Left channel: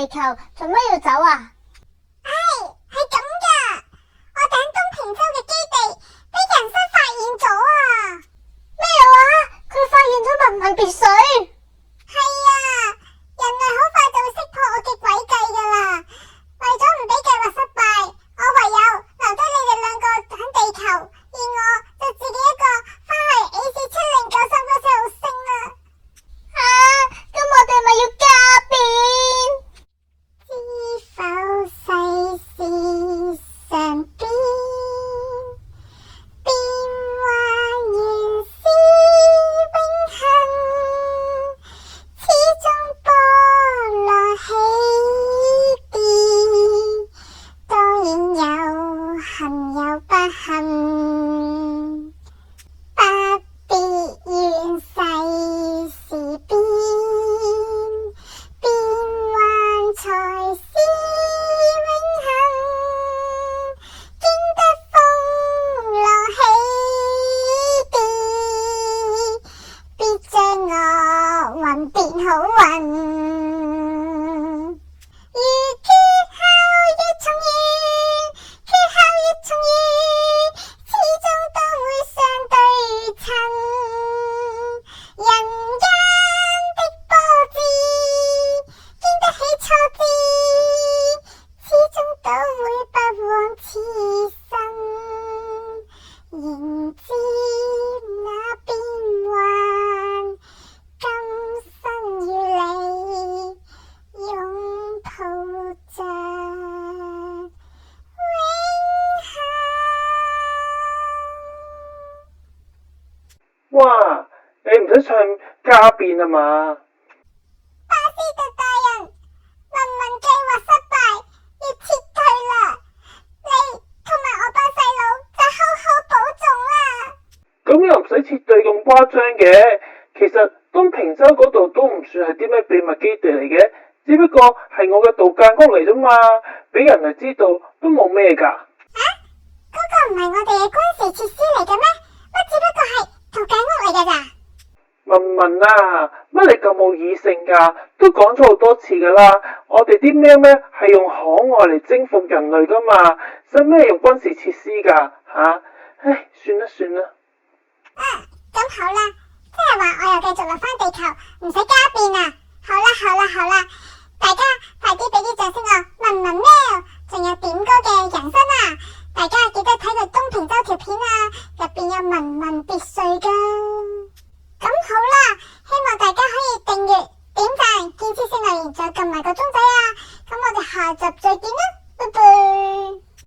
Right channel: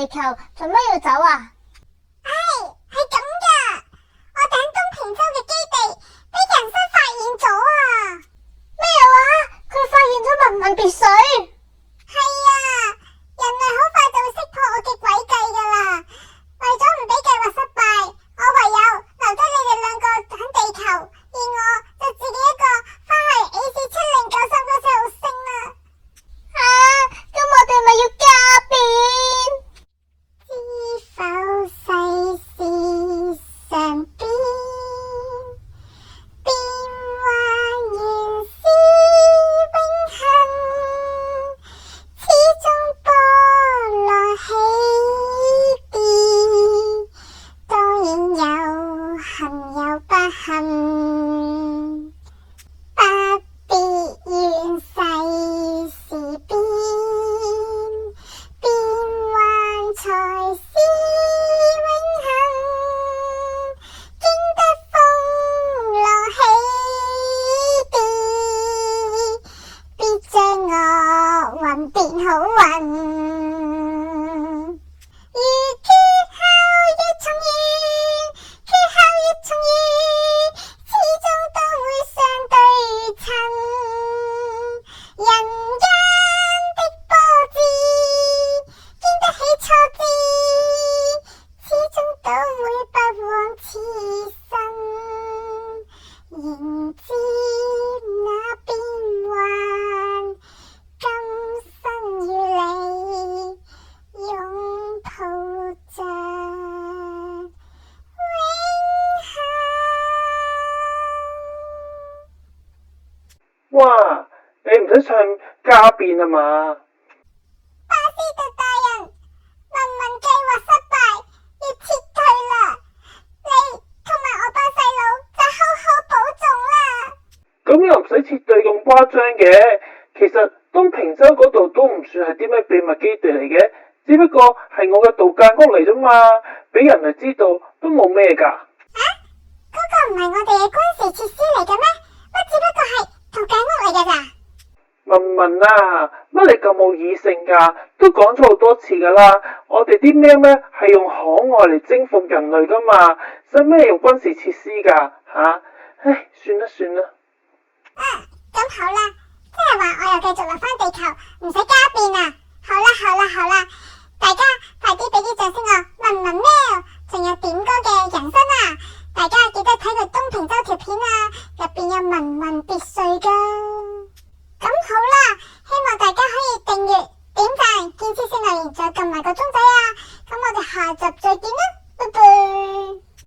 地球，做乜要走啊？係咁噶，我哋喺東平洲嘅基地俾人生發現咗啊！咩話？佢發現咗文文別墅？係啊，人類好快就會識破我嘅詭計噶啦。為咗唔俾計劃失敗，我唯有留低你哋兩個喺地球，而我就自己一個翻去 AC7093個星啦。咁我哋咪要家變？知否世事上邊，變幻原是永恆，始終波羅起跌，當然有幸有不幸，不必怨世事變，變幻才是永恆，經得風浪起跌，必將我運變好運。如缺後越重遇，缺後越重遇，始終都會相對稱。人間的波折，經得起挫折，始終都會不枉此生。仍知那變幻，今生與你擁抱着永恆。哇！你唔使唱家變啊嘛？巴斯特大人，文文計劃失敗，要撤退啦！你同埋我班細佬就好好保重啦。咁又唔使撤退咁誇張嘅。其實東平洲嗰度都唔算係啲咩秘密基地嚟嘅，只不過係我嘅度假屋嚟啫嘛，俾人哋知道都冇咩噶。嗰個唔係我哋嘅軍事設施嚟嘅咩？乜只不過係度假屋嚟嘅咋？文文啊，乜你咁冇異性噶？都講咗好多次噶啦，我哋啲喵咩係用可愛嚟征服人類噶嘛，使咩用軍事設施噶吓？唉，算啦算啦。咁好啦，即係話我又繼續落翻地球，唔使家變啊！好啦，大家快啲俾啲掌聲我文文喵，仲有點歌嘅人生啊！大家記得睇佢東平洲條片啊，入邊有文文別墅噶。咁好啦，希望大家可以訂閱、點讚、建設性留言，再撳埋個鐘仔啊！咁我哋下集再見啦，拜拜。